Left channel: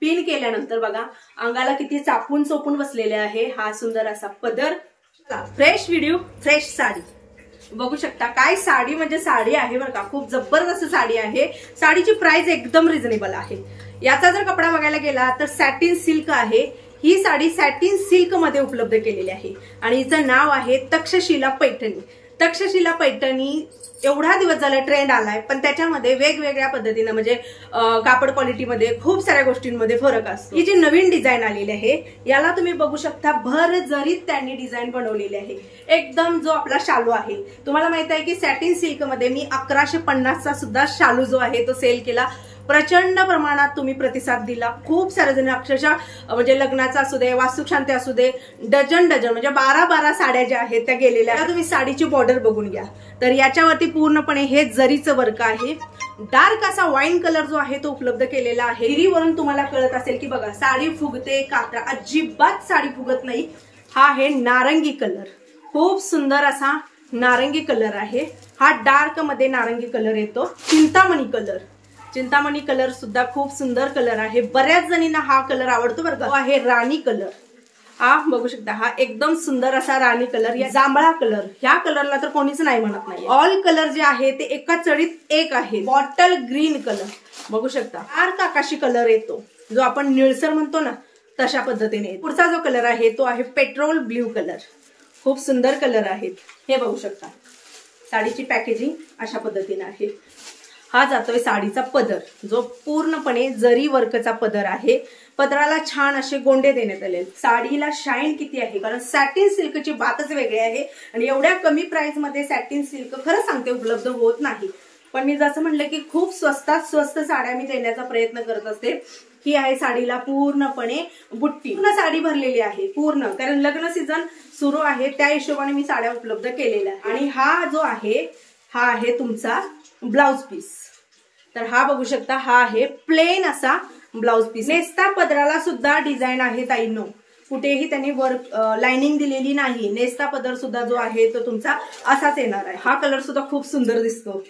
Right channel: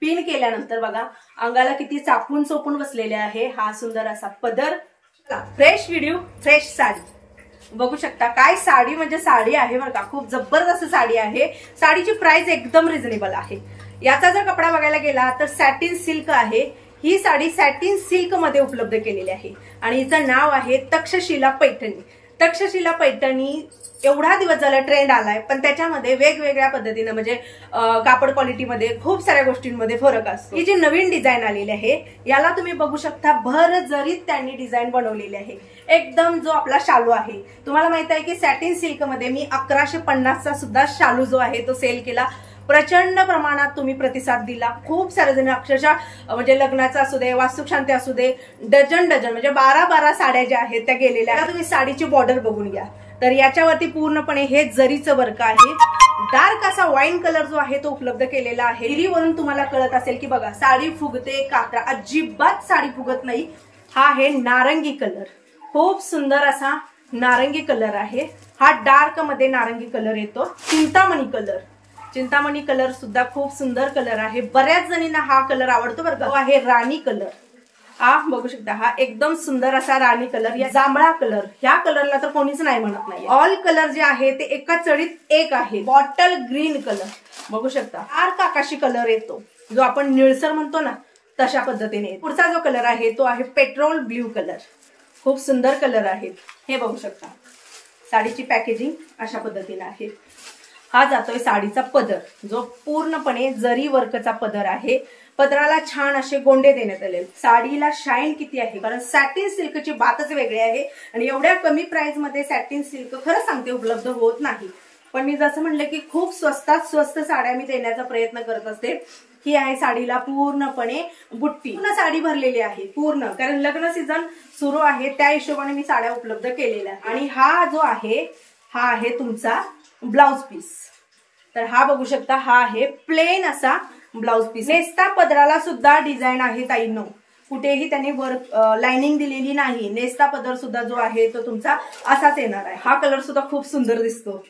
Pin केल्यानंतर बघा अंगाला किती चापून चोपून बसलेले आहे. हा सुंदर असा पदर, फ्रेश व्हिडिओ फ्रेश साडी बघू शकता. काय साडी म्हणजे साडी आहे बरं का, खूप जबरदस्त साडी आहे. साडीची प्राइस एकदम रिझनेबल आहे. याचा जर कपडा बघायला गेला तर सॅटिन सिल्क आहे. ही साडी सॅटिन सिल्क मध्ये उपलब्ध केलेली आहे आणि हिचं नाव आहे तक्षशिला पैठणी. तक्षशिला पैठणी एवढा दिवस झाला ट्रेंड आलाय, पण त्याच्यामध्ये वेगवेगळ्या पद्धतीने म्हणजे कापड क्वालिटीमध्ये खूप साऱ्या गोष्टींमध्ये फरक असतो. ही जी नवीन डिझाईन आलेली आहे याला तुम्ही बघू शकता भर जरीत त्यांनी डिझाईन बनवलेली आहे. एकदम जो आपला शालू आहे, तुम्हाला माहित आहे की सॅटिन सिल्क मध्ये मी 1150चा सुद्धा शालू जो आहे तो सेल केला. प्रचंड प्रमाणात तुम्ही प्रतिसाद दिला. खूप सारे जण अक्षरशः म्हणजे लग्नाचा असू दे, वास्तुशांती असू दे, डझन म्हणजे 12 साड्या ज्या आहेत त्या गेलेल्या आहेत. तुम्ही साडीची बॉर्डर बघून घ्या तर याच्यावरती पूर्णपणे हे जरीचं वर्क आहे. डार्क असा वाईन कलर जो आहे तो उपलब्ध केलेला आहे. हिरीवरून तुम्हाला कळत असेल की बघा साडी फुगते, कात्रा अजिबात साडी फुगत नाही. हा आहे नारंगी कलर, खूप सुंदर असा नारंगी कलर आहे. हा डार्क मध्ये नारंगी कलर येतो. चिंतामणी कलर सुद्धा खूप सुंदर कलर आहे. बऱ्याच जणींना हा कलर आवडतो बरं का. आहे राणी कलर. हा बघू शकता, हा एकदम सुंदर असा राणी कलर. या जांभळा कलर, ह्या कलरला तर कोणीच नाही म्हणत नाही. ऑल कलर जे आहे ते एका चढीत एक आहे. बॉटल ग्रीन कलर बघू शकता. डार्क आकाशी कलर येतो जो आपण निळसर म्हणतो ना, तशा पद्धतीने. पुढचा जो कलर आहे तो आहे पेट्रोल ब्ल्यू कलर. खूप सुंदर कलर आहेत. हे बघू शकता. साडीची पॅकेजिंग अशा पद्धतीने आहे. हा जातोय साडीचा पदर जो पूर्णपणे जरी वर्कचा पदर आहे. पदराला छान असे गोंडे देण्यात आले. साडीला शाईन किती आहे, कारण सॅटिन सिल्कची बातच वेगळी आहे आणि एवढ्या कमी प्राइस मध्ये सॅटिन सिल्क खरं सांगते उपलब्ध होत नाही. पण मी जसं म्हणलं की खूप स्वस्तात स्वस्त साड्या मी देण्याचा प्रयत्न करत असते. ही आहे साडीला पूर्णपणे बुट्टी, पूर्ण साडी भरलेली आहे पूर्ण, कारण लग्न सीझन सुरू आहे त्या हिशोबाने मी साड्या उपलब्ध केलेल्या. आणि हा जो आहे हा आहे तुमचा ब्लाउज पीस. तर हा बघू शकता, हा आहे प्लेन असा ब्लाउज पीस. नेस्ता पदराला सुद्धा डिझाईन आहे ताईंनो, कुठेही त्यांनी वर्क लाइनिंग दिलेली नाही. नेस्ता पदर सुद्धा जो आहे तो तुमचा असाच येणार आहे. हा कलर सुद्धा खूप सुंदर दिसतो,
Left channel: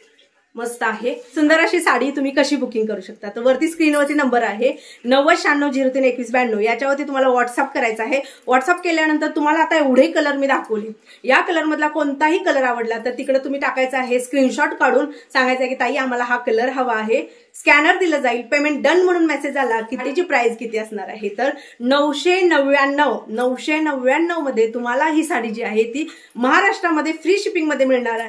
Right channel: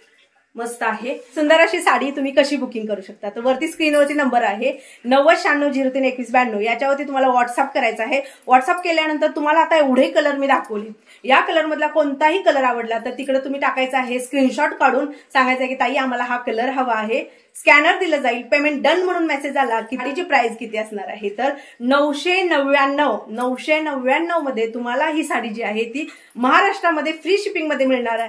मस्त आहे. सुंदर अशी साडी तुम्ही कशी बुकिंग करू शकता तर वरती स्क्रीनवरती नंबर आहे 9096032192. याच्यावरती तुम्हाला व्हॉट्सअप करायचं आहे. व्हॉट्सअप केल्यानंतर तुम्हाला आता एवढे कलर मी दाखवले, या कलर मधला कोणताही कलर आवडला तर तिकडे तुम्ही टाकायचा आहे स्क्रीनशॉट काढून सांगायचं आहे की ताई आम्हाला हा कलर हवा आहे. स्कॅनर दिलं जाईल. पेमेंट डन म्हणून मेसेज आला की त्याची प्राइस किती असणार आहे तर 999 मध्ये तुम्हाला ही साडी जी आहे ती महाराष्ट्रामध्ये फ्री शिपिंग मध्ये मिळणार आहे.